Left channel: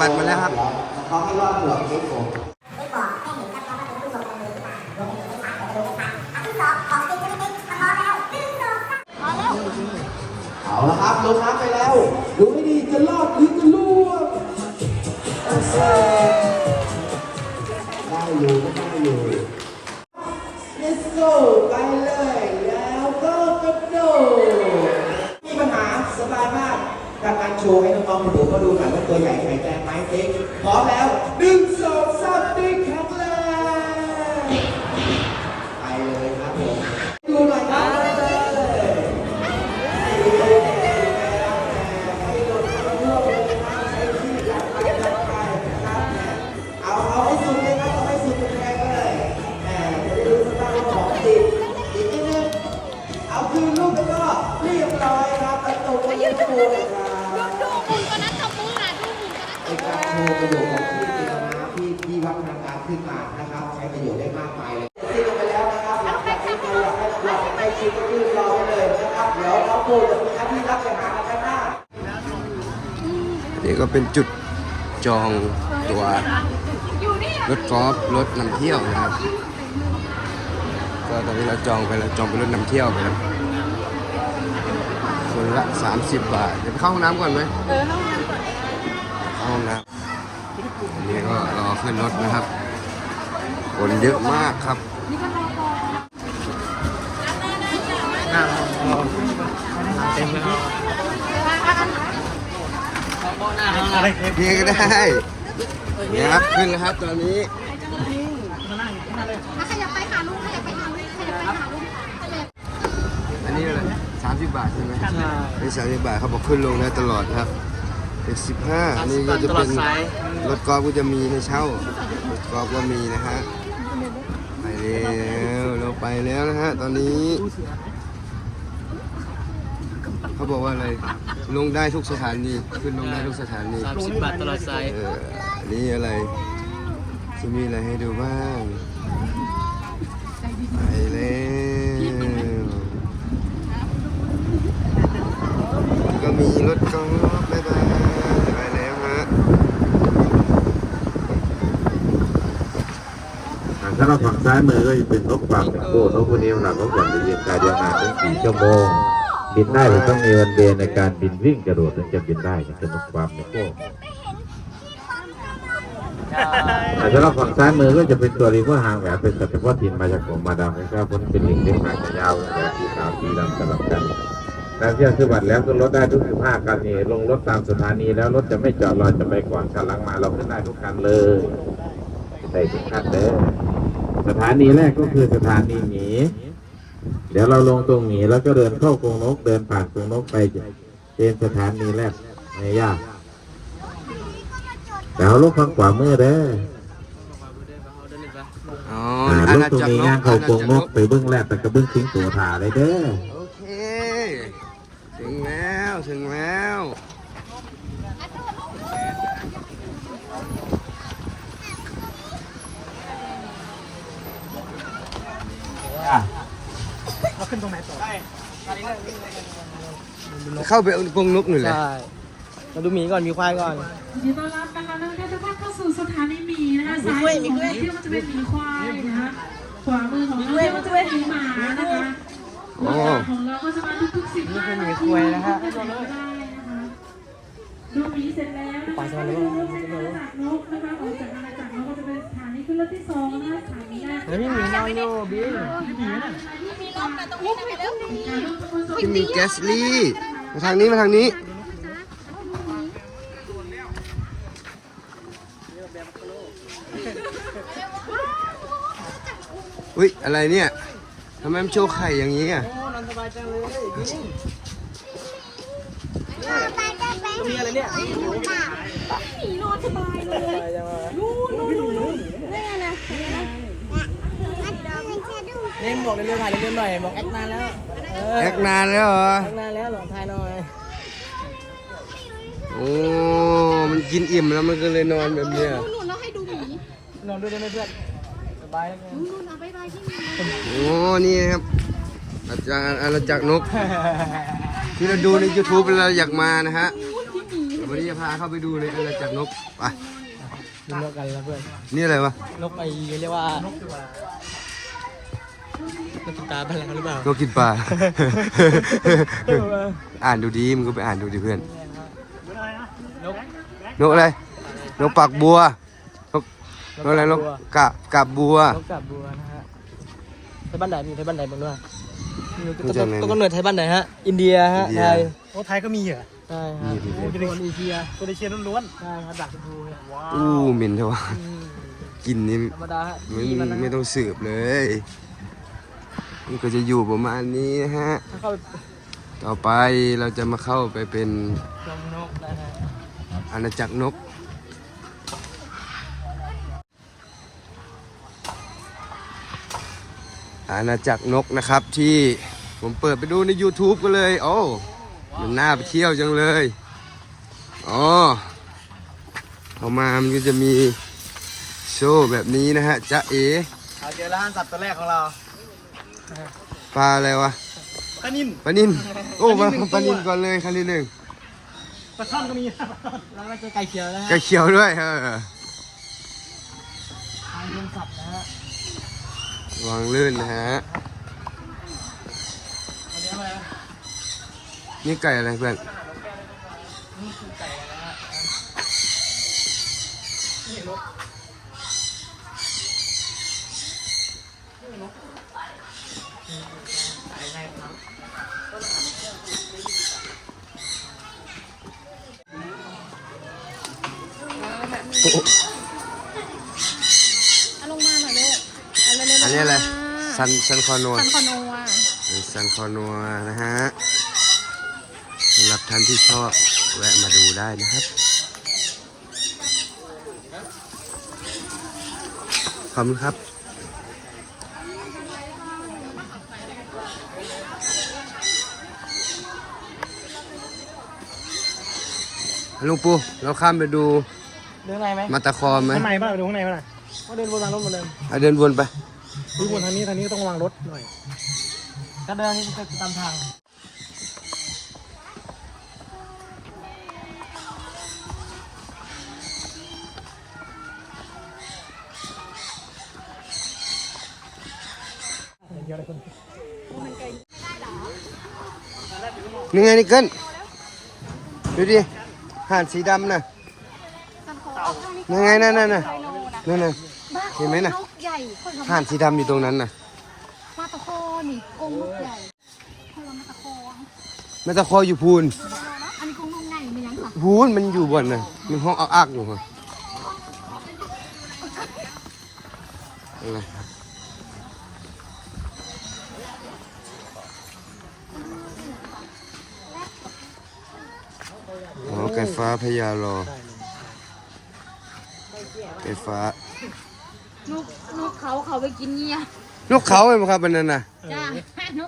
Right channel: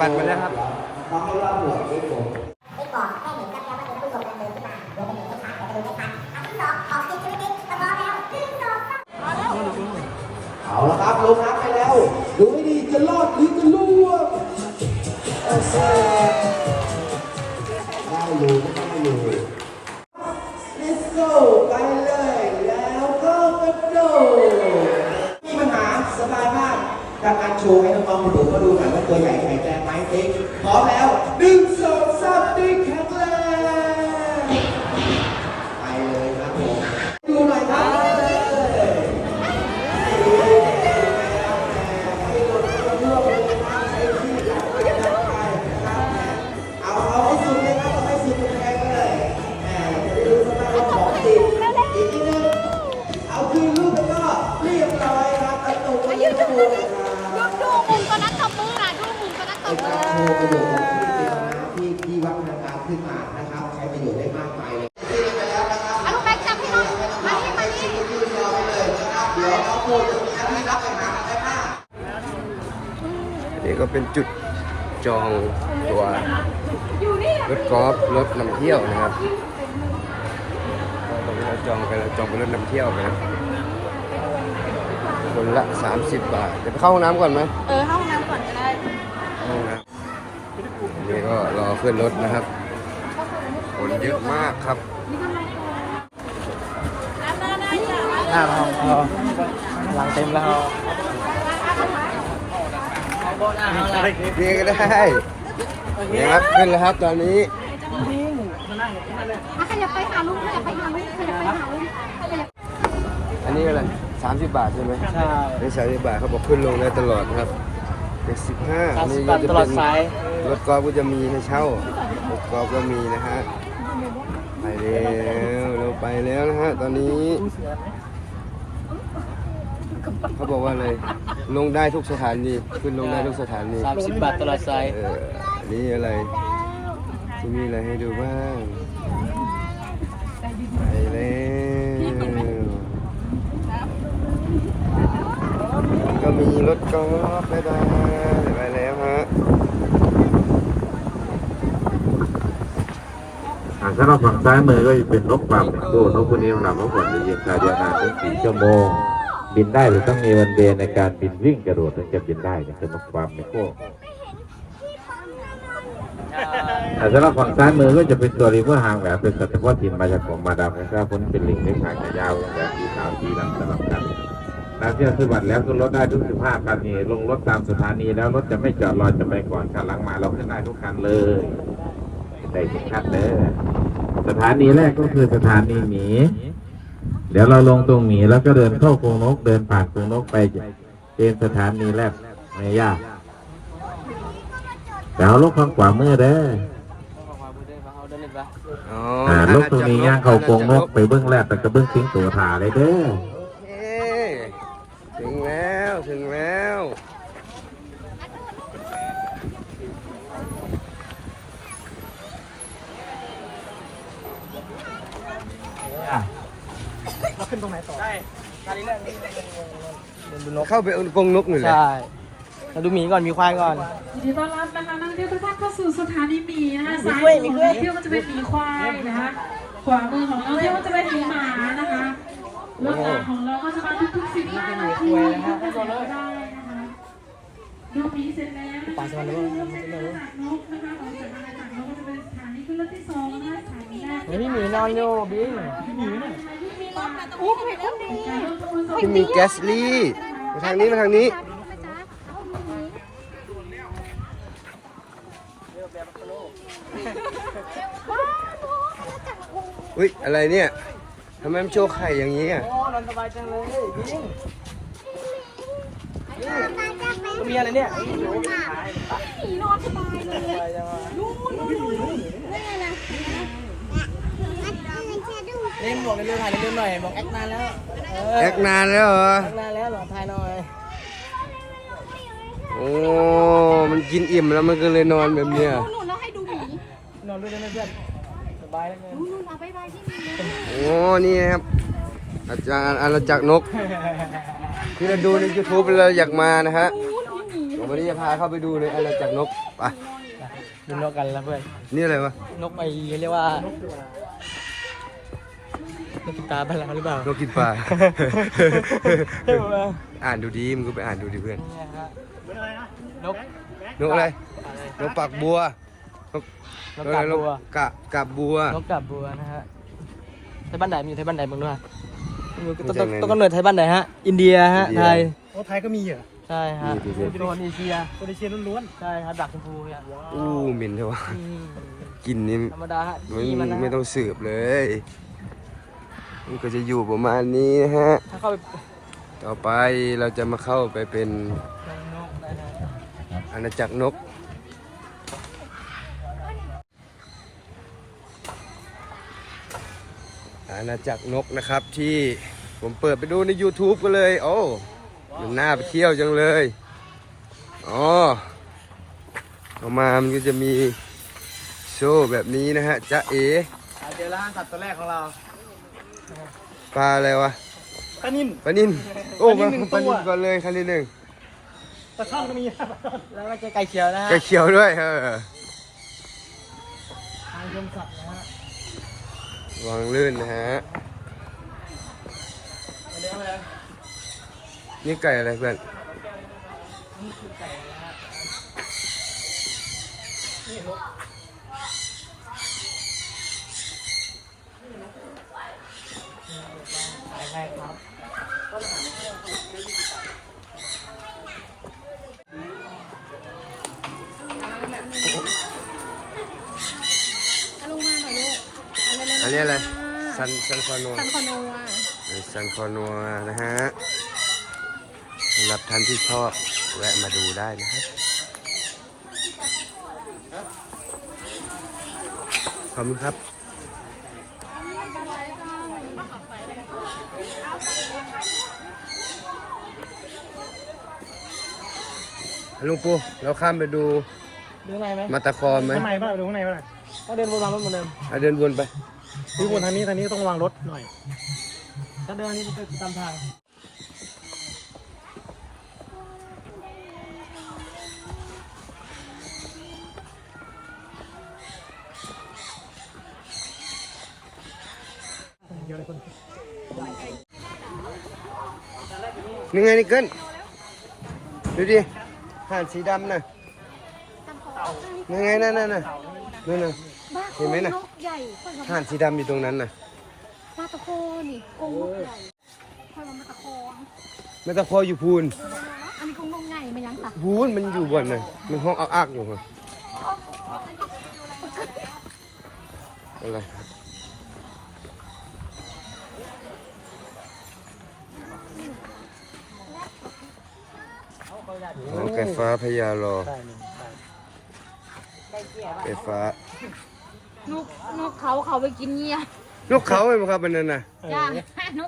บัตรมาแล้วครับเอาละครับลงน้ำไปแล้วดูไม่ดีจะรอดหรือจะล่วงได้อยู่ก็ได้อยู่ Let's go ไปเลย แล้วก็กระโดดมีปัญหาสบายมากดังนั้นโชว์ให้น้ องดูก็ดูหน่อยว่าตัวใหญ่แข็งแรงไหมเด็กพร้อมแล้ว นี่ก็เป็นจุดจองตัวรถกอล์ฟรถนำเที่ยวนะครับ ก็ตอนนี้เราจองไปแล้วจองเป็นรถนำเที่ยวไปแล้วคนละ 30 บาท เดี๋ยวไปเข้าห้องน้ำก่อนไหมเข้าห้องน้ำนนี่ก็รอขึ้นรถนะครับ คนเยอะมากครับหลังเต็มแล้ว นี่ก็ได้นี่ครับขึ้นแล้วครับตอนนี้ขยับไปหาลุงขยับไปหาลุงขยับไปหาลุงอันนี้อะไร30บาทใช่ไหมใช่เป็นสามสิบบาทเขาบอกขึ้นลงได้ตลอดนะครับเป็นสิบห้าอันนี้ก็จะเป็นตลอดสายรถกอล์ฟก็จะมีให้เช่ารถกอล์ฟก็มีนะฮะไปแล้วเราไปแล้วนะฮะตอนนี้ เขาบอกว่าอะไร ลงได้ทุกสถานีขึ้นลงได้ทุกสถานีสามสิบบาทตลอดสายเอออันนี้อะไรจะมีอะไรให้ดูบ้างไปแล้วก็มีรถกอล์ฟบ๊ายบายไปแล้วฮะอ่าถ้าเราฝั่งซ้ายมือก็จะเป็นนกความเป็นโก้นกพวกนี้สำหรับนกอย่างเย็นการเดินทางถึงสี่ชั่วโมง บินได้แต่ต้องมีวันเดย์ในการบินวิ่งกระโดดถึงจะบินได้จะเป็นนกความเป็นโก้แต่ถ้าเราฝั่งซ้ายมือก็จะเป็นตัวรีเวอร์หางแหวนเป็นสัตว์เฉพาะถิ่นมาจากของมาดามนะครับเพราะนี่เป็นลิงเล็กหางยาวแบบสีขาวสีดำสลับกันและเครื่องคือบัตรแล้วก็รถได้ทุก15คันนี่ลงรถตามสถานีแล้วรถจะไม่จอดรอจะไปก่อนคันหลังมาเราขึ้นได้ทุกคันเลยได้ทุกคันเลยสถานีแรกก็คือสถานีหมีเดี๋ยวเราลงตรงหมีแล้วก็เดินเข้ากรงนกเดินผ่านกรงนกไปเป็นสถานีแรกไม่ยากเดี๋ยวลูกข้างขวามือเด้ออ๋ออ่าอาลูกณาตรงจักรนี้นย่างกเข้าอากรณางจักรนนกกไปเบื้องแรกแต่ก็เบื้องสิงตัวถ่าเลยเด้อ โอเค ถึงแล้ว ถึงแล้ว ขึ้นตรงไหนต่อได้การนี้เรื่องนี้ดูนกเข้าไปเอากรงนกหน่อยเลยใช่เราดูหมีก่อนมีควายก่อนยินดีต้อนรับนะคะนักท่องเที่ยวทุกท่านเข้าสู่สถานีหมีนะคะซ้ายมือของนักท่องเที่ยวก็จะเป็นหมีควายนะคะขวามือของนักท่องเที่ยวก็จะเป็นหมีหมานะคะโอ้รถของเราก็จะมาทุกๆสิบห้านาทีนะคะดูหมีเสร็จแล้วนะคะปลาสวรรค์แล้วดูมั้งเสร็จแล้วจากนกนะคะออกจากอาณาจักรนกก็จะเป็นสถานีขึ้นรถที่สองนะคะสถานีแรกเฮ้ยพี่หมีนอนอยู่บิ๊กพี่หมีน่ะ ที่มีแกสลี่มาทางนี้มาทางนี้อุ้ยอะไรเนี่ยทำไมมันโชว์ไข่อย่างนี้อะมีอะไรเนี่ย เล่น บอกเร็วๆถ่ายเร็วๆหน่อยบอกแอคนานแล้วเออแอกนานแล้วเหรอแอคนานแล้วหลอกถ่ายหน่อยโอ้มันกินอิ่มแล้วมันก็เลยนอนแบบเนี้ยหนูเราให้ดูหมีนอนด้วยได้ไหมเพื่อนสบายไหมหนูมาบายบายที่หมีโอ้นี่นะครับอาจารย์อาณาจักรนก ที่เราดูใน YouTube เราอยากมานะฮะดูหมีโอ้วันนี้จะพาเข้าไปดูในอาณาจักรนกไปนนกกันแล้วเพื่อนนี่อะไรวะนกไอ้เรียกว่านกกิน ปลาบ้านเราหรือเปล่านกกินปลา อ่านดูดีมึงก็ไปอ่านดูดิเพื่อน นกอะไร นกปากบัว นกนกอะไร นกกะกะบัว นกกับบัวนะฮะไทยบ้านไหนมีไทยบ้านไหนบ้างล่ะรู้จักไหมต้นกำเนิดไทยบ้านไหนฮะ อินเดียฮะอินเดียไทยโอ้ไทยก็มีเหรอ ใช่ฮะมีดิเพื่อนเป็นคนเอเชียโคเดเชียล้วนใช่ครับดักชมพูเนี่ยว้าวอู้เหม็นเถอะวะอืมกินนี่ธรรมดาฮะไม่ดีนนะไม่ต้องสืบเลย มันก็จะอยู่ประมาณนี้นะฮะ ต่อไปเราจะมาเข้าไปเป็นอาณาจักรนก อาณาจักรนกนะครับที่ผมเปิดไปดูใน YouTube ก็เลย โอ้ มันน่าไปเที่ยวจังเลย อ๋อเอามา มันก็จะมีโชว์แบบนี้นะฮะ จ๊ะเอเอาเจอแล้วฮะสัตว์ตัวแรกของเรา ปลาอะไรวะปลานินปลานินโอ้มาปลานินก่อนเลยคันที่หนึ่งปลาช่อนก็มีปลาช่อนแล้วก็เจอไก่เขียวนะฮะไก่เขียวด้วยเออทางชมสัตว์นะฮะวางลื่นนะฮะอันนี้อะไรนี่ไก่อะไรเพื่อน เอาลงมาหน่อยเลยเอาเร็วๆอันนี้อะไรซันซันคอนัวซันคอนัวซันคอนัวนะฮะสำหรับท่านที่ชอบแวะมาดูได้นะครับ ขอบคุณครับลุงปูเราข้ามไปดู เดินไงไหมมาตาคอมไหมข้างในบ้างไปดูข้างในบ้างนะเอาเดินวนทางรถหมดเลยอะเดินวนไป ดูคนทางนี้ทางนี้ต้องวางรถหน่อย ถ้าเดินนี่ก็ตามทาง เดี๋ยวอะไรคนนี่ไงนี่เกินดูดิห่านสีดำน่ะ ยังไงนั่นน่ะน่ะนั่นน่ะเห็นไหมน่ะนกใหญ่คนละห่านสีดำอยู่ตรงนั้นน่ะมาตะโคนี่กรงนกใหญ่คนละมาตะโคแม่ตะคออยู่พูนอันนี้กรงนกใหญ่มันยังค่ะพูนมันอยู่บนน่ะมันห้องอักอักอยู่ฮะอะไรครับอ๋อไก่ฟ้าพญารอ ไก่ฟ้า ลูกลูกเขาเขาไปกินเงี้ยนกเขาไหมครับอันนั้นน่ะย่าง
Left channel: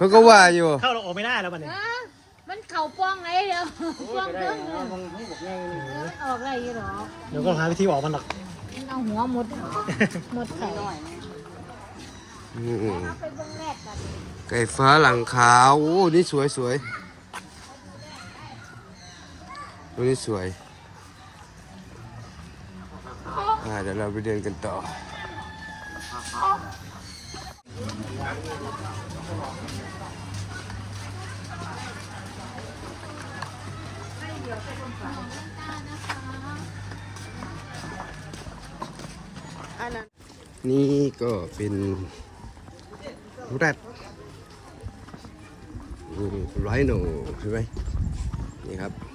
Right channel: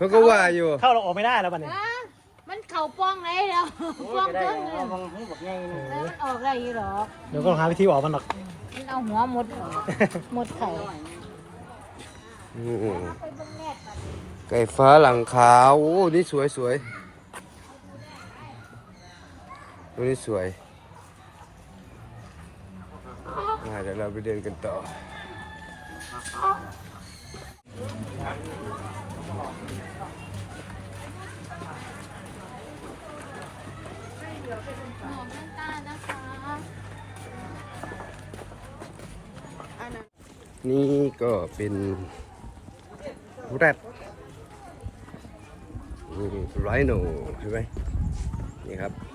มันก็ว่าอยู่ เข้าเราออกไม่ได้แล้วบัดนี้อะมันเขาป้องไงเดี๋ยวป้องเรื่องเลยแล้วมันออกอะไรหรอเดี๋ยวก็หาวิธีออกมันหรอกมันเอาหัวหมดหมดไข่หน่อยอืมไปเบิ้งแรกกันไก่ฟ้าหลังขาวโอ้ นี่สวยสวยตัวนี้สวย เดี๋ยวเราไปเดินกันต่อ นี่ก็เป็นแรดไรโนใช่ไหมนี่ครับ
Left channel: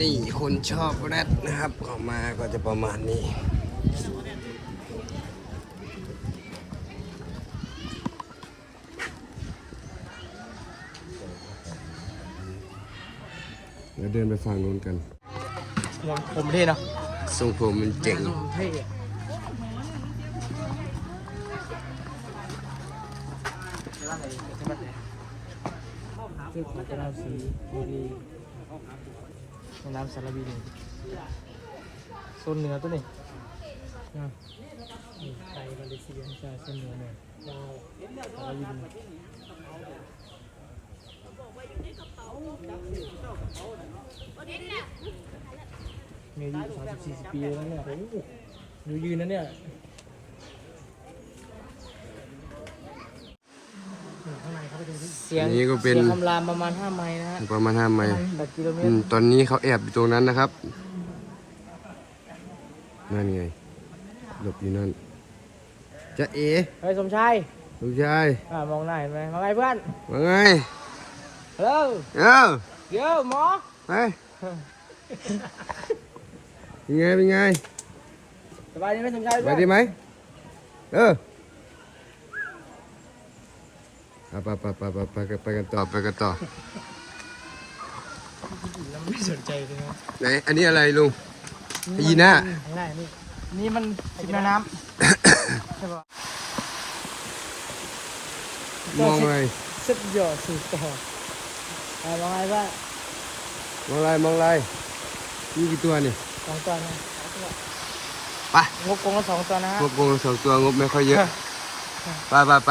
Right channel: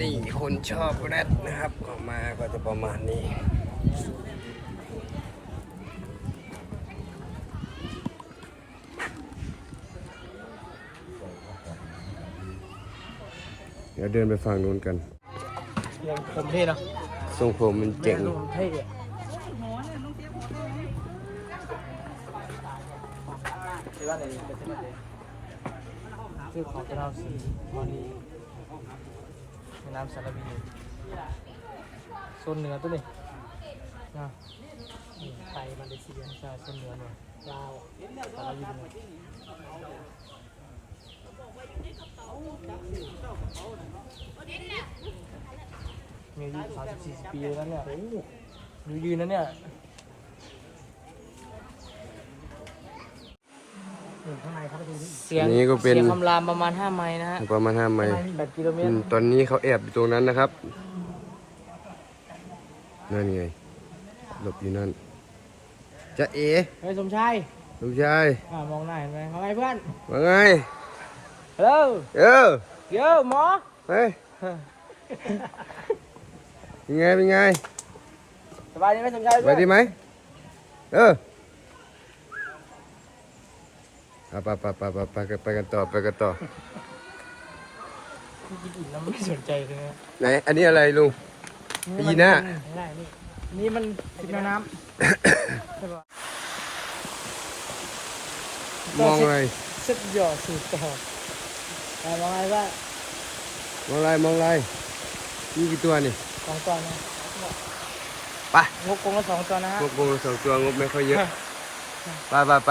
นี่คนชอบแรดนะครับออกมาก็จะประมาณนี้เดี๋ยวเดินไปฟังนู้นกันผมเท่เนาะทรงผมมันเจ๋งผมเท่ชื่อของเจ้าสีมณี ในน้ำสารบีเลยโซนเหนือตัวนี้นะไทยมาเลเซียใช่โซนเหนือเนี่ยยลาวสารบีหน่มีอายุสามสิบสี่สิบปีแล้วเนี่ยดูยืนนะเนี่ย ข้างใน เขาไปดูที่เสียงอันนี้ก็เป็น สียงคำรามประมาณห้าไม้นะฮะประมาณห้าไมล์แบบกิโลเมตอืรมตอนนี้เขาแอบอยู่ตรงนั้นนะครับ นั่นไง หลบอยู่นั่น จะเอ๋เฮ้ยสมชายลูกชายอ่ามองหน้าเห็นไหมมองไงเพื่อนว่าไงเร็วเออเดี๋ยวหมอไปเป็นไง เป็นไง สบายดีไหมสมชายไปเพื่อนดีไหมเออ เอาไปไปไปไปไปกันไปกันต่อไปกันต่อไม่สนใจเลยนะไหนอันนี้อะไรลุงยีน่าไม่ได้นี่นี่มันสิบแม่น้มองอะไรำเซ็ตหยอดสูตรต่ออ่ามองไงว่ามองอะไรมองอะไรมีกี่ตัวนี่สองตัวนะไปงบกงละสองตัวนะฮะพวกโกงสองตัวงบไม่ค่อยเยอะ ไปไปไป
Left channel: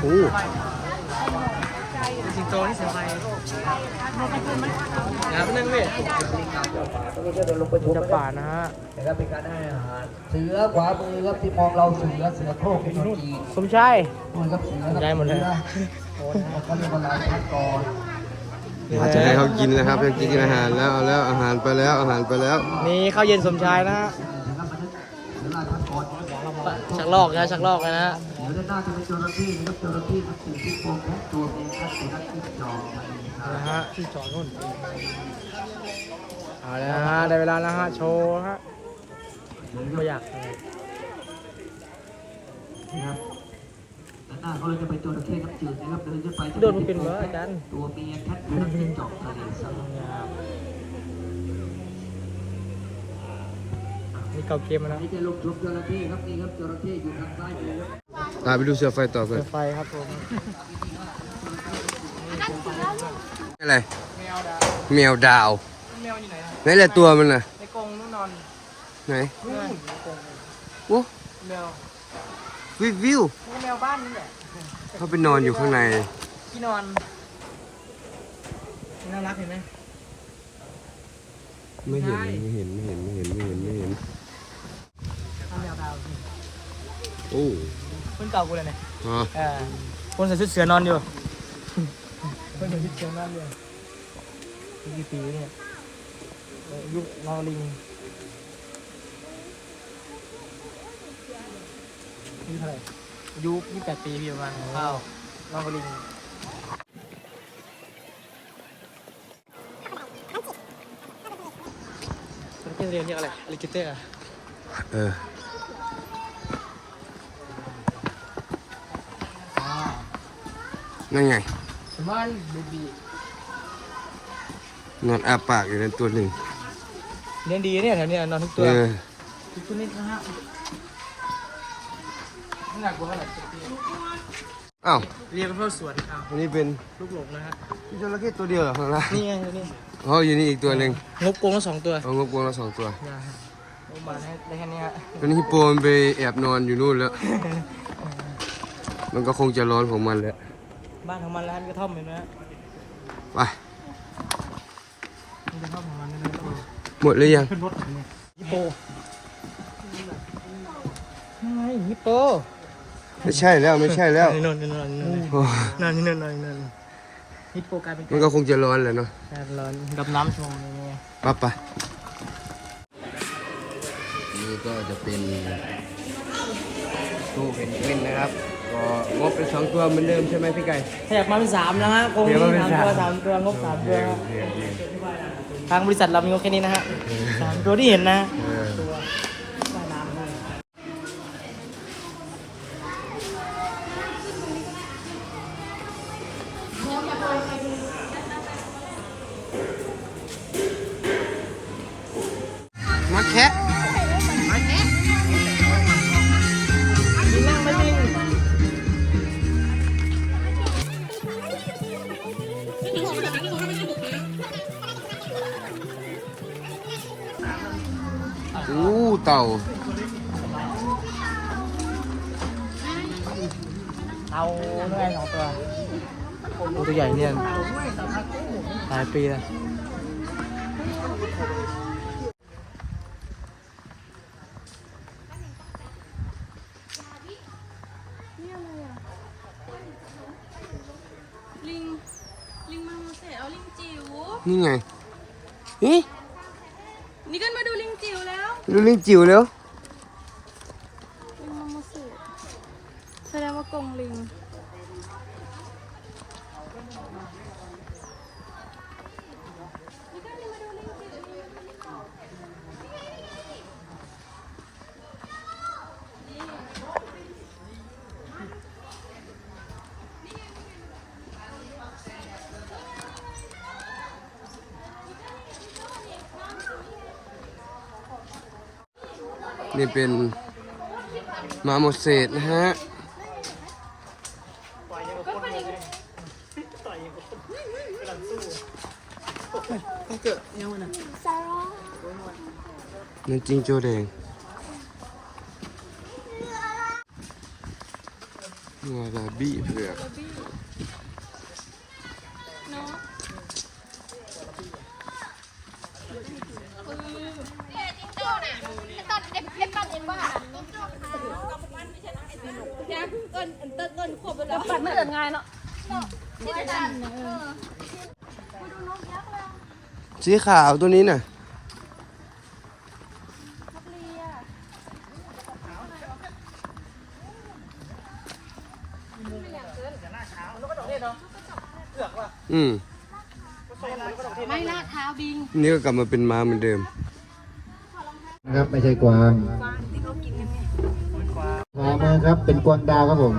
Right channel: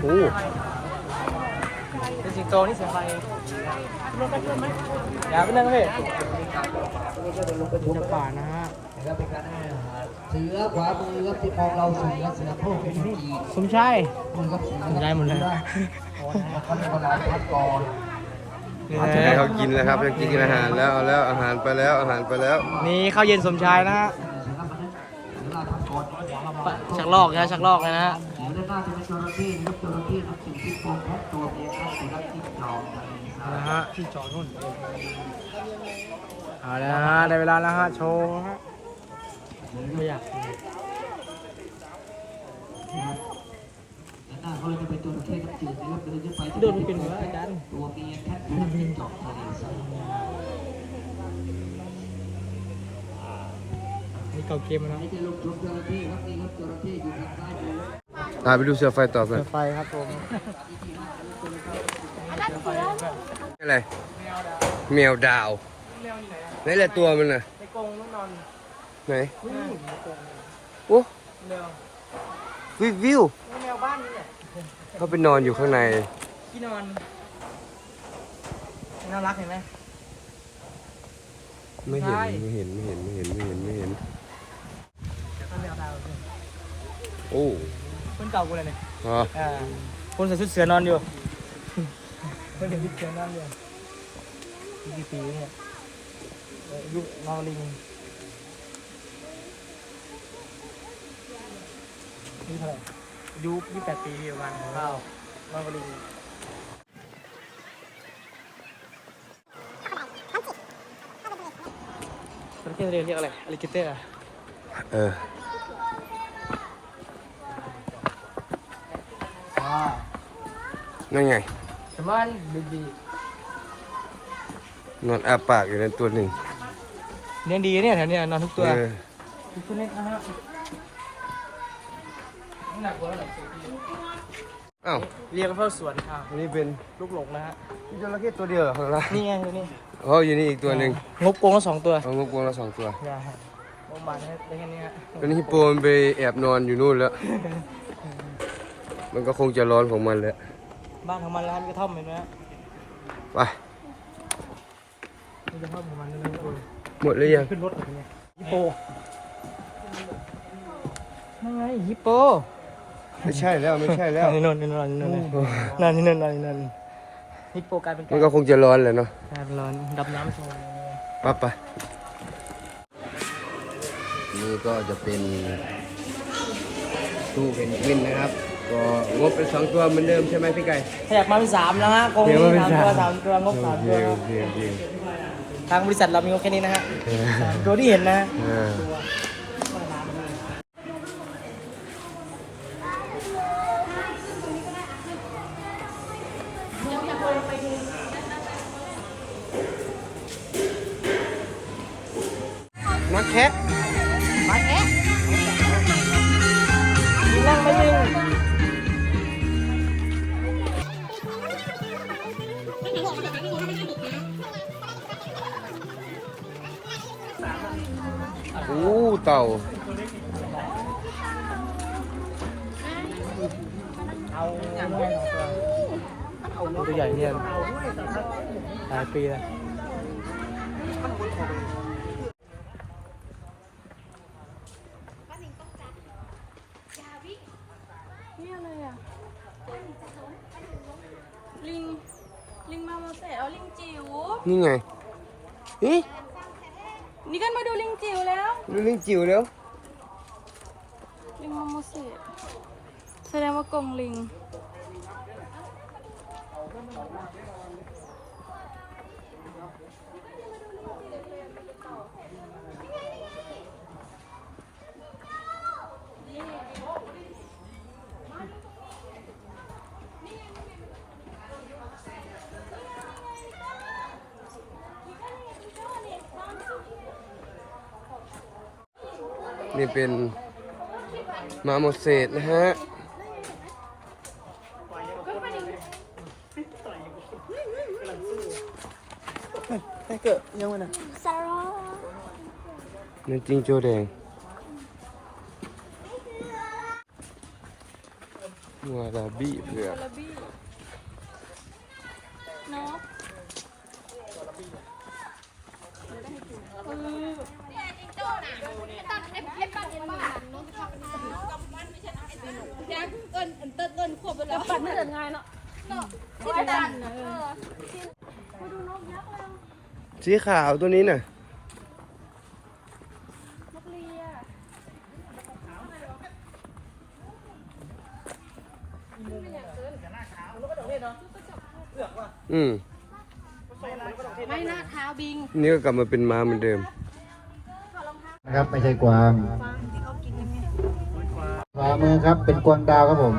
โอ้สิงโตนี่เสียงอะไรรถไปขึ้นไหมอยากนั่งเลยนี่ก็เป็นลูกกระจุกป่านะฮะนะครับเป็นการให้อาหารเสือขวามือครับที่มองเราเสือเสือโคร่งเป็นจีสมชายมือครับเสือได้หมดเลยเดี๋ยวจะให้เขากินแล้วครับจะกินอาหารแล้วเอาแล้วอาหารไปแล้วอาหารไปแล้ว นี่ข้าวเย็นสมชายนะฮะ ลอกนะชักลอกนะฮะเดี๋ยวด้านหน้าจะเป็นจระเข้นะครับจระเข้นับสิ่งที่ตัวทุกตัวเองครับสุนัขที่จอกนะฮะที่จอดนู่นเอาละฮะได้เวลาแล้วฮะโชว์ฮะไม่อยากนะครับด้านหน้าเขาเลยจะเป็นจระเข้น้ำจืดนะครับเดินขึ้นไปจะโดนเป็นเหรออาจารย์ตัวเมียแคทสุนัขที่จอกทะเลทราย นี่เก่าเกมแล้วนี่จะลงชมจระเข้ครับนี่ครับจระเข้อยู่ทางซ้ายมืออ่าไปดูเสือไฟต่อกันไฟครับผมอะไรแมวดาวแมวอยู่ไหนนะไหนแหละตัวมันน่ะในกรงต้องนอนไหนโอ้แมววิววิวแมวบ้านนี่แหละเขาไปนอนอยู่ข้างในที่นอนน่ารักเห็นไหมไม่เห็นใช่ไม่เห็นไม่เห็นไม่เห็นไม่เห็นไม่เห็น ทำแมวดาวสิ โอ้คนเก่ากูเลยเนี่ยอ๋ออ่าคนใส่ชุดเสือนอนอยู่คนใส่ชุดเสือนอนอยู่กี่ปีเนี่ยเอ่อยุคนอลิงอายุเท่าไหร่อายุยี่สิบแปดปีประมาณว้าวนองลิง มันเป็นเรียนเรียกอะไรลิกิเตอร์ เออ นั่นไงสมัยบีบีนอนอาปากอยู่ในตัวหนึ่งเลี้ยงดีเนี่ยแถวเนี้ยนอนทุกตัวเออทุกนี้นะฮะไม่น่ากลัวเท่าไหร่อ้าวเรียกเข้าสวนทางอันนี้เป็นลูกหลงนะฮะ พี่จระเข้ตัวเดียวเหรอข้างล่างนี่ไงตัวนี้อ๋ออยู่นี่อีกตัวหนึ่งงบโกงละสองตัว เอางบกวงละสองตัว อย่าฮะงบมาได้ได้แค่นี้ฮะ ตอนนี้ฮิปโปมันไปแอบนอนอยู่นู่นแล้ว มันก็คงจะร้อนของมันแหละบ้านของมันแล้วมีกระท่อมเห็นไหมฮะไปมีกระท่อมของมันด้วยนะเออหมดหรือยัง ขึ้นรถแบบนี้ฮิปโปนั่นไงฮิปโปไม่ใช่แล้วไม่ใช่แล้วนอนนอนนอนนอนโอ้นอนนอนนอนนอนฮิปโปกลายเป็นมันก็คงจะร้อนแหละเนาะนอนดับน้ำใช่ไหมไปไป นี่ก็จะเป็นตู้เพนกวินนะครับก็ งบเป็นสองตัวเหมือนเดิมใช่ไหมพี่ไก่ขยับมาเป็นสามแล้วฮะกรงนี้สามตัวสามตัวงบสามตัวครับทางบริษัทเรามีงบแค่นี้นะฮะสามตัวที่เห็นนะ อ่ามา อู้เต่าเอาง่ายสองตัวตั ดูลิงจิ๋วแล้ว ลิงมอมเสแสดงว่ากลมลิง นี่เป็นมาโมเสสนะฮะไม่เกิดยังไงนะนั่นจริงโจแดงงัวลาบี้เผือก ปัดไม่เกิดง่ายเนาะ สีขาวตัวนี้น่ะอืมไม่ลาดเท้าบิง นี่ก็กลับมาเป็นม้าเหมือนเดิมนะครับไม่ใช่กวางขวามือครับเป็นกวางดาวครับผม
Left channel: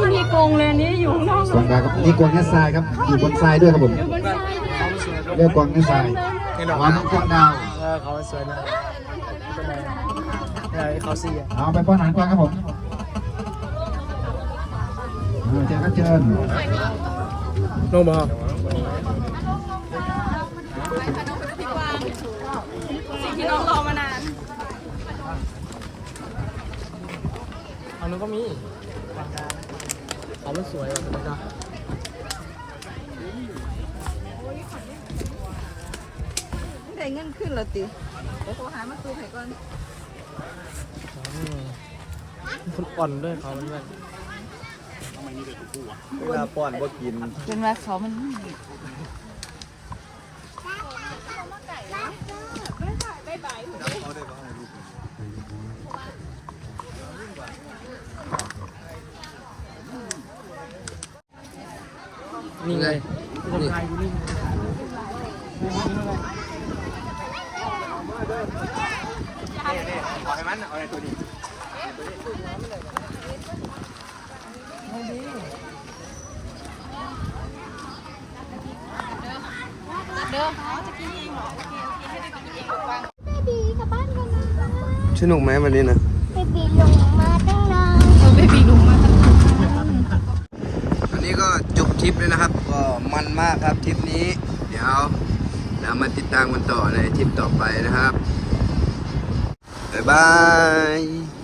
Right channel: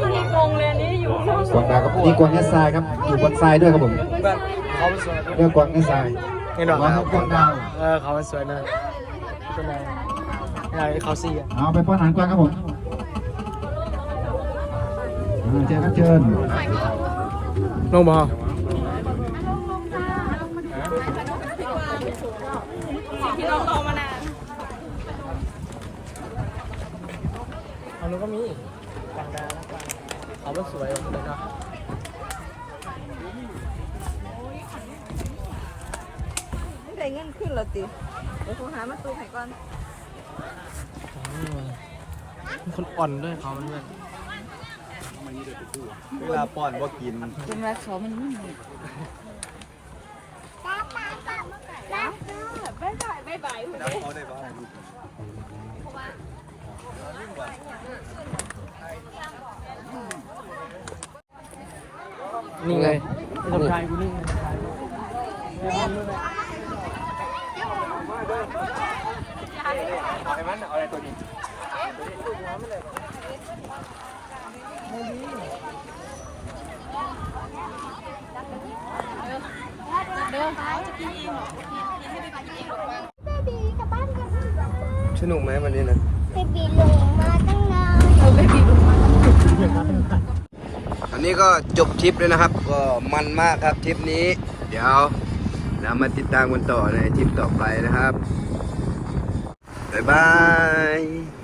ไม่มีกรงเลยนี่อยู่ข้างนอกกวางดาวครับนี่กวางเนสทรายครับอยู่บนทรายด้วยครับผมเขาเป็นสวยเรียกกวางเนสทรายนี่หนอขวามือกวางดาวเออเขาเป็นสวยเลยไงเขาสี่อะเอาไปป้อนอาหารกวางครับผมเชิญครับเชิญลงมาสิ่งที่เรารอมานานอันนู้นก็มีกวางดาว เขาไม่สวยอะตัวเนาะได้เงินขึ้นแล้วติเดี๋ยวขอหามาตูไข่ก่อนมันอ่อนด้วยเขาเนี่ยเป็นมาเขามัน นี่ไง นี่ กายอยู่นี่ไม่บินเลย บีกลับบ้านกันนะสนุกไหมวันนี้นะเบบีลงมาตั้งนานอันนี้ก็จบทริปเลยนะครับ ก็มันมากครับทริปนี้ เดี๋ยวเรามาติดตามกันต่อในทริปต่อไปนะครับ Bye-bye!